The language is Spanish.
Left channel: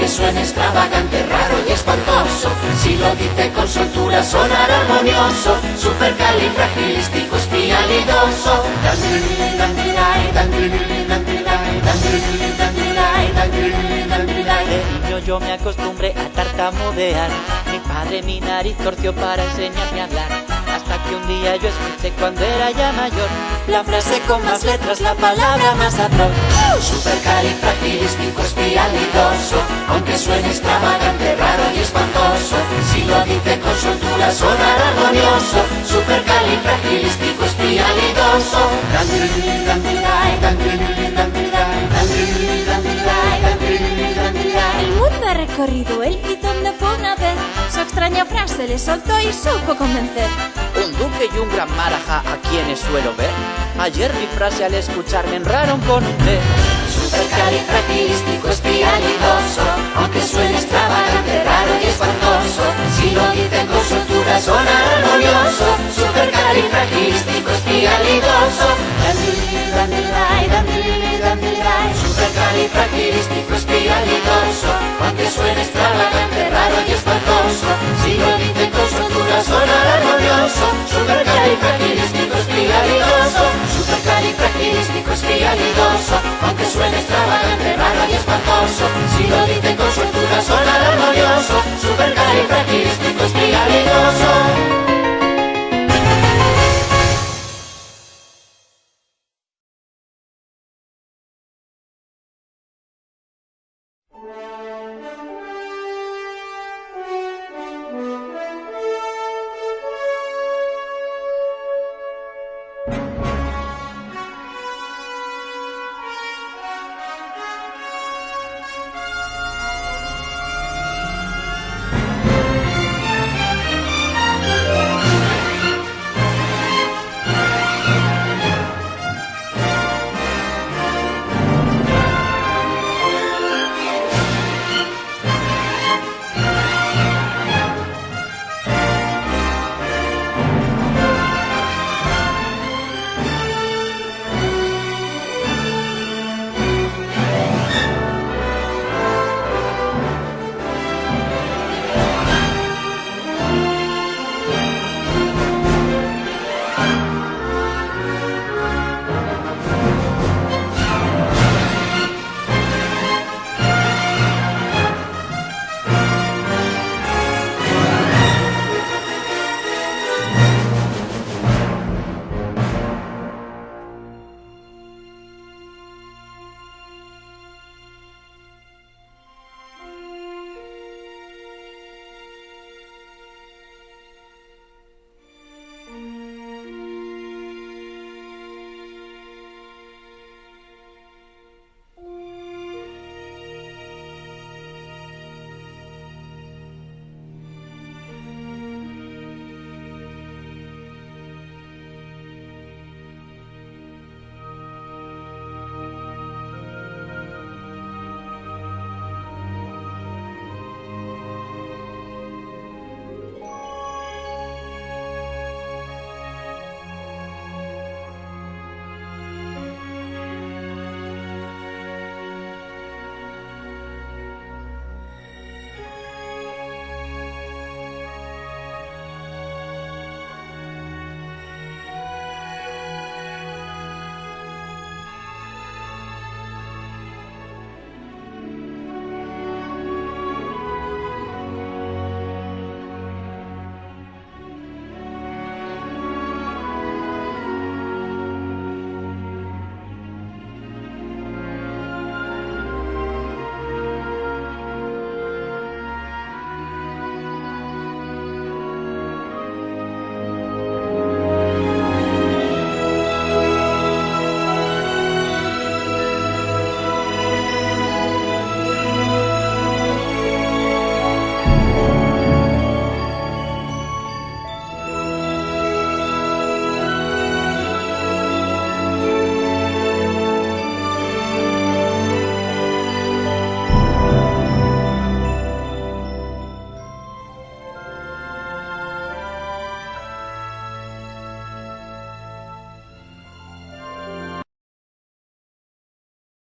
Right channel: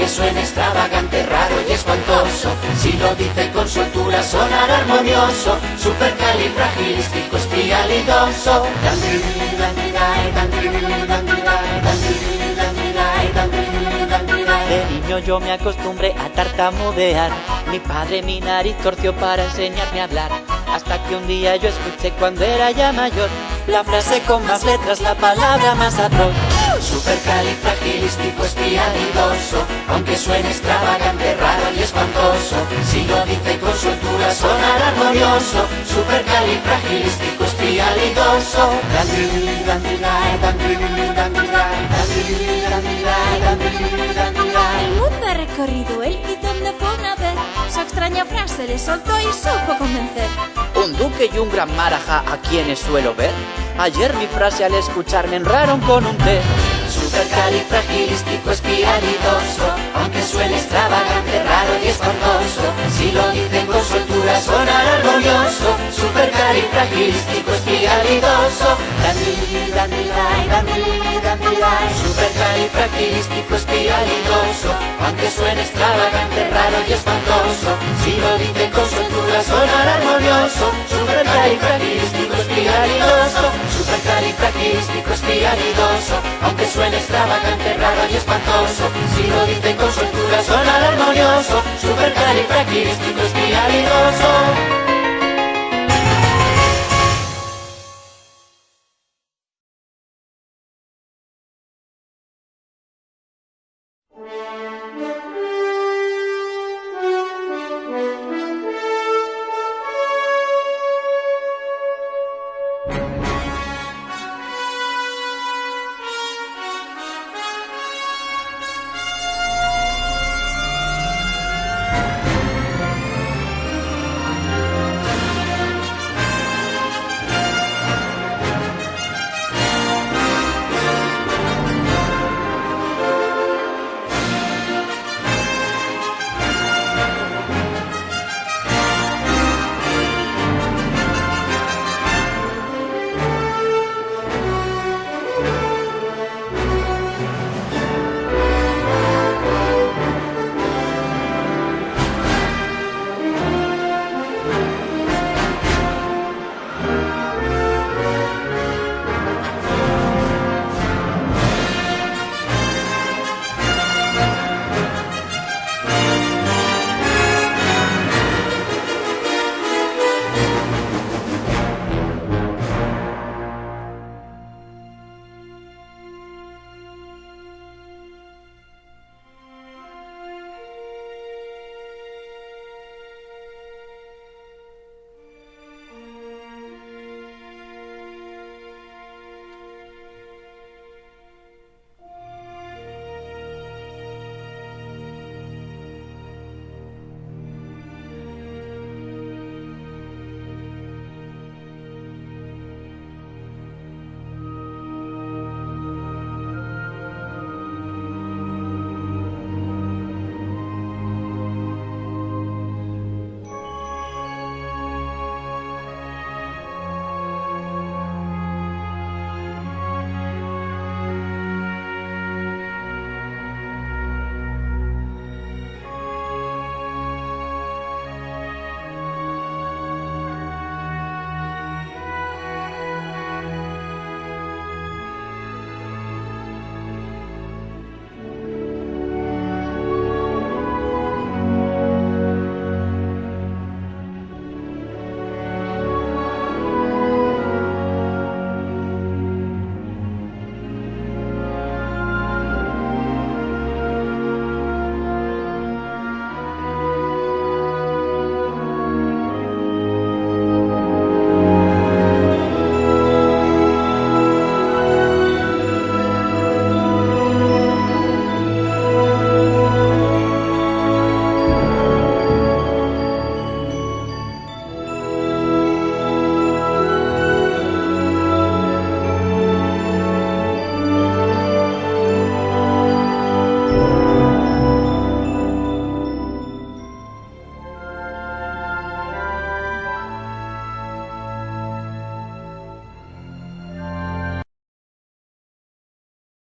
aunque suene extravagante, raro y espantoso. Si lo dice con soltura sonará armonioso, supercalifragilisticoespialidoso. De niño yo me acostumbré a tartamudear. Mi padre mi nariz torció para enseñarme a hablar. Hasta que un día yo escuché cuando era ya mayor la frase con más letras, la palabra más atroz. Supercalifragilisticoespialidoso, aunque suene extravagante, raro y espantoso. Si lo dice con soltura sonará armonioso, supercalifragilisticoespialidoso. El mundo ha recorrido él y donde fue una vez, su extraña frase le soltó y supo convencer. Un duque y un gran maraja a quienes suelo ver. Ayer mi frase al escucharme enraron con un té. Supercalifragilisticoespialidoso, aunque suene extravagante, raro y espantoso. Si lo dicen con soltura sonará armonioso, supercalifragilisticoespialidoso. Supercalifragilisticoespialidoso, aunque suene extravagante, raro y espantoso. Si lo dicen con soltura sonará armonioso, supercalifragilisticoespialidoso. Supercalifragilisticoespialidoso, aunque suene extravagante, raro y espantoso. Si lo dicen con soltura sonará armonioso, supercalifragilisticoespialidoso.